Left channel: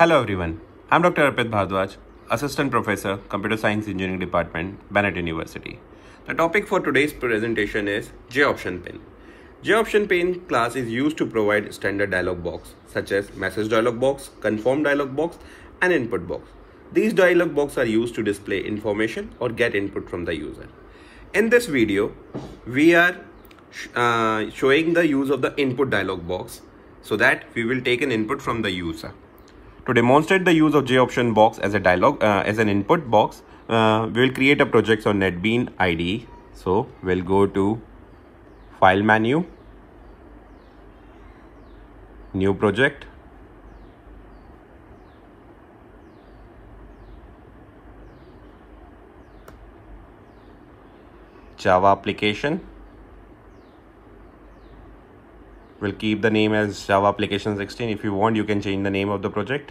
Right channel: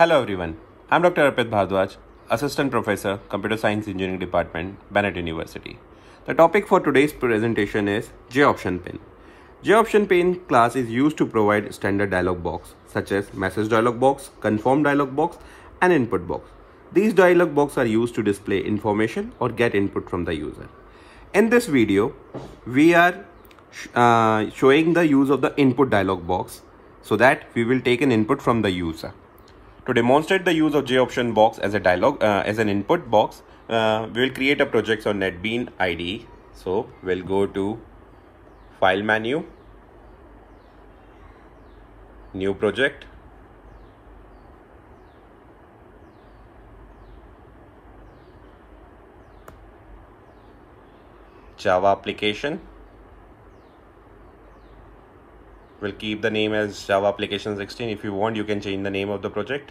Hello everyone, I'm Dr. Arpit Bhardwaj, Assistant Professor, Computer Science Engineering Department, Bennett University. The topic for today's presentation is JOptionPane. JOptionPane class is used to provide standard dialog box such as message dialog box, confirm dialog box, and input box. These dialog boxes are used to display information or get input from the user. In this video, we are showing the use of the input dialog box so that we will take an input from the user. To demonstrate the use of JOption box as a as an input box, we will create a project on Netbeans IDE. So we'll go to File menu, New Project, Java application. We'll keep the name as Java application 16. If you want, you can change the name of the project.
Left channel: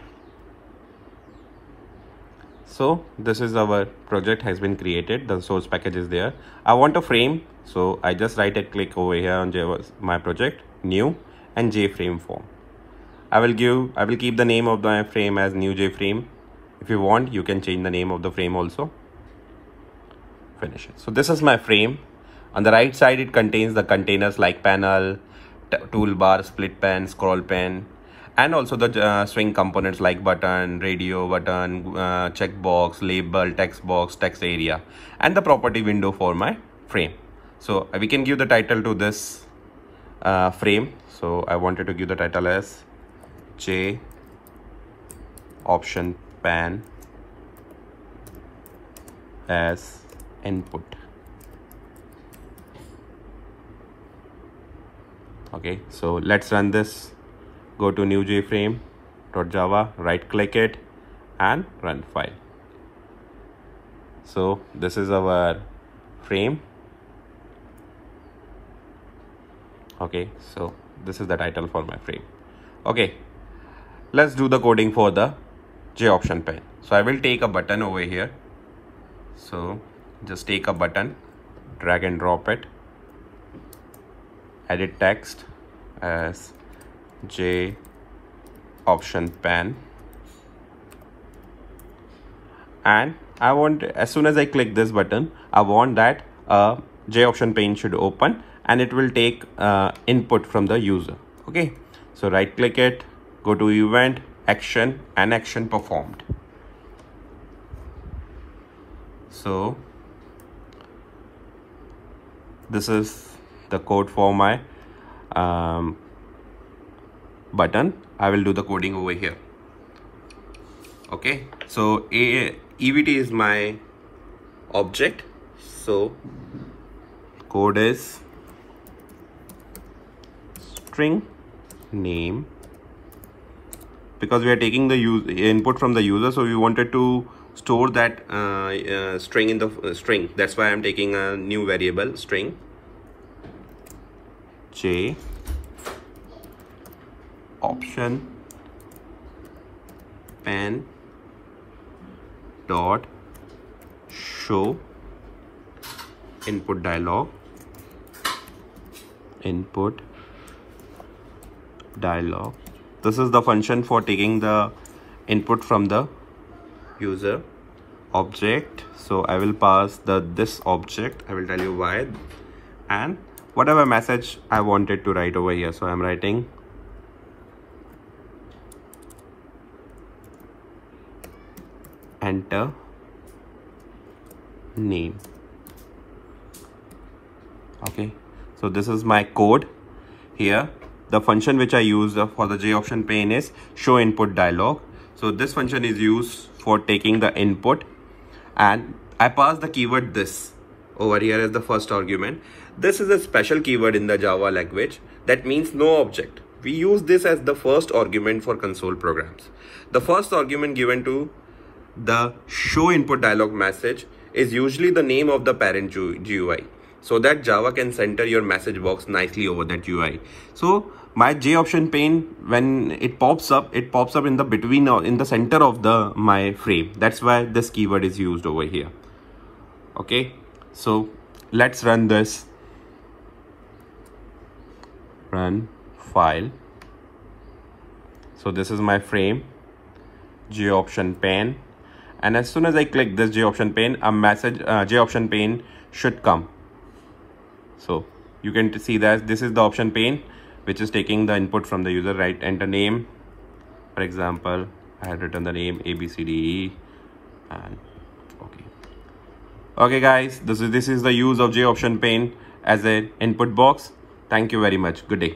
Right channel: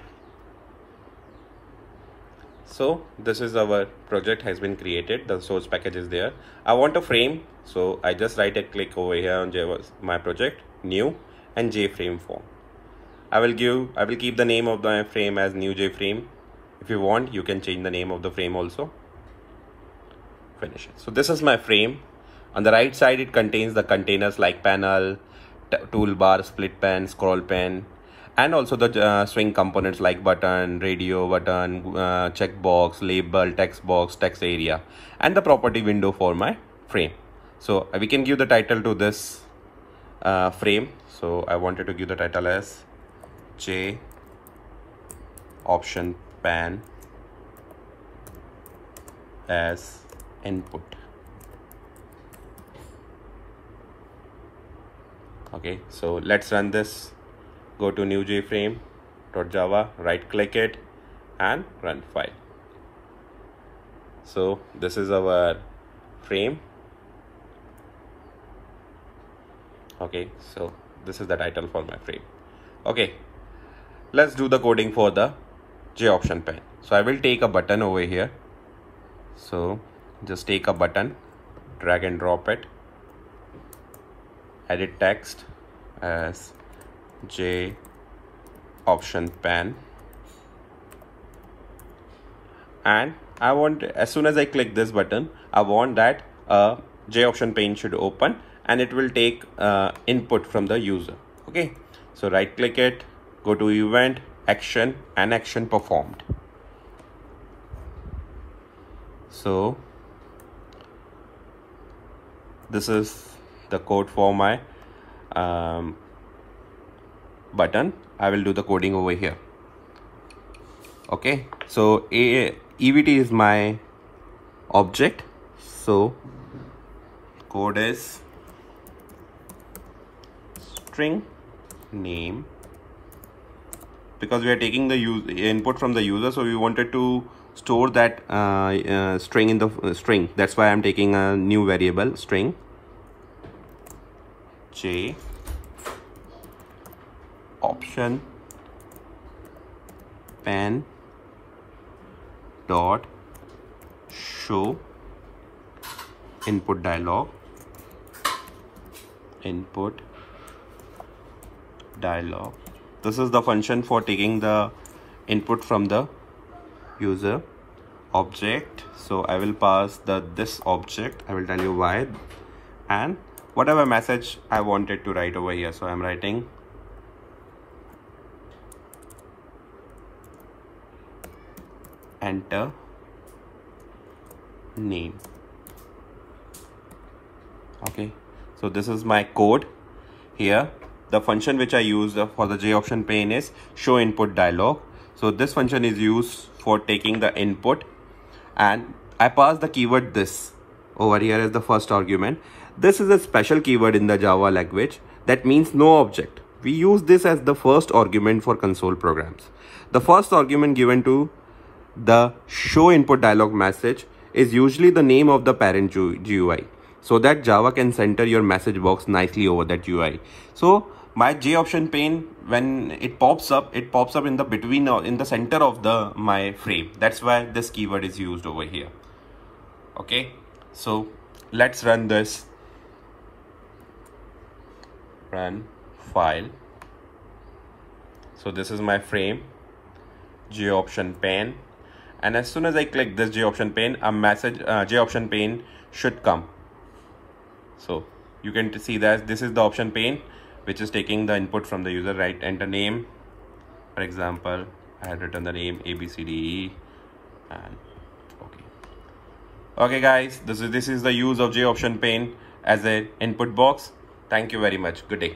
So this is our project has been created. The source package is there. I want a frame, so I just right click over here on Java, my project, new, and JFrame form. I will keep the name of the frame as new JFrame. If you want, you can change the name of the frame also. Finish it. So this is my frame. On the right side, it contains the containers like panel, toolbar, split pen, scroll pen, and also the swing components like button, radio button, checkbox, label, text box, text area, and the property window for my frame. So we can give the title to this frame. So I wanted to give the title as JOptionPane as input. Okay, so let's run this. Go to new jframe.java, right click it and run file. So this is our frame. Okay, so this is the title for my frame. Okay, let's do the coding for the JOptionPane. So I will take a button over here. So just take a button, drag and drop it, edit text as JOptionPane, and I want, as soon as I click this button, I want that JOptionPane should open and it will take input from the user. Okay, so right click it, go to event, action, and action performed. So this is the code for my button. I will do the coding over here. Okay, so EVT is my object. So code is string name, because we are taking the input from the user, so we wanted to store that string in the string. That's why I'm taking a new variable string JOptionPane dot show input dialog. This is the function for taking the input from the user object. So I will pass this object. I will tell you why, and whatever message I wanted to write over here. So I'm writing enter name. Okay, so this is my code here. The function which I use for the JOptionPane is show input dialog. So this function is used for taking the input, and I pass the keyword this over here as the first argument. This is a special keyword in the Java language that means no object. We use this as the first argument for console programs. The first argument given to the show input dialog message is usually the name of the parent GUI, so that Java can center your message box nicely over that UI. So my JOptionPane, when it pops up in the between or in the center of my frame. That's why this keyword is used over here. Okay, so let's run this. Run file. So this is my frame. JOptionPane, and as soon as I click this JOptionPane, a message JOptionPane should come. So you can see that this is the option pane which is taking the input from the user, right? Enter name. For example, I had written the name ABCDE, and okay guys, this is the use of JOptionPane as an input box. Thank you very much. Good day.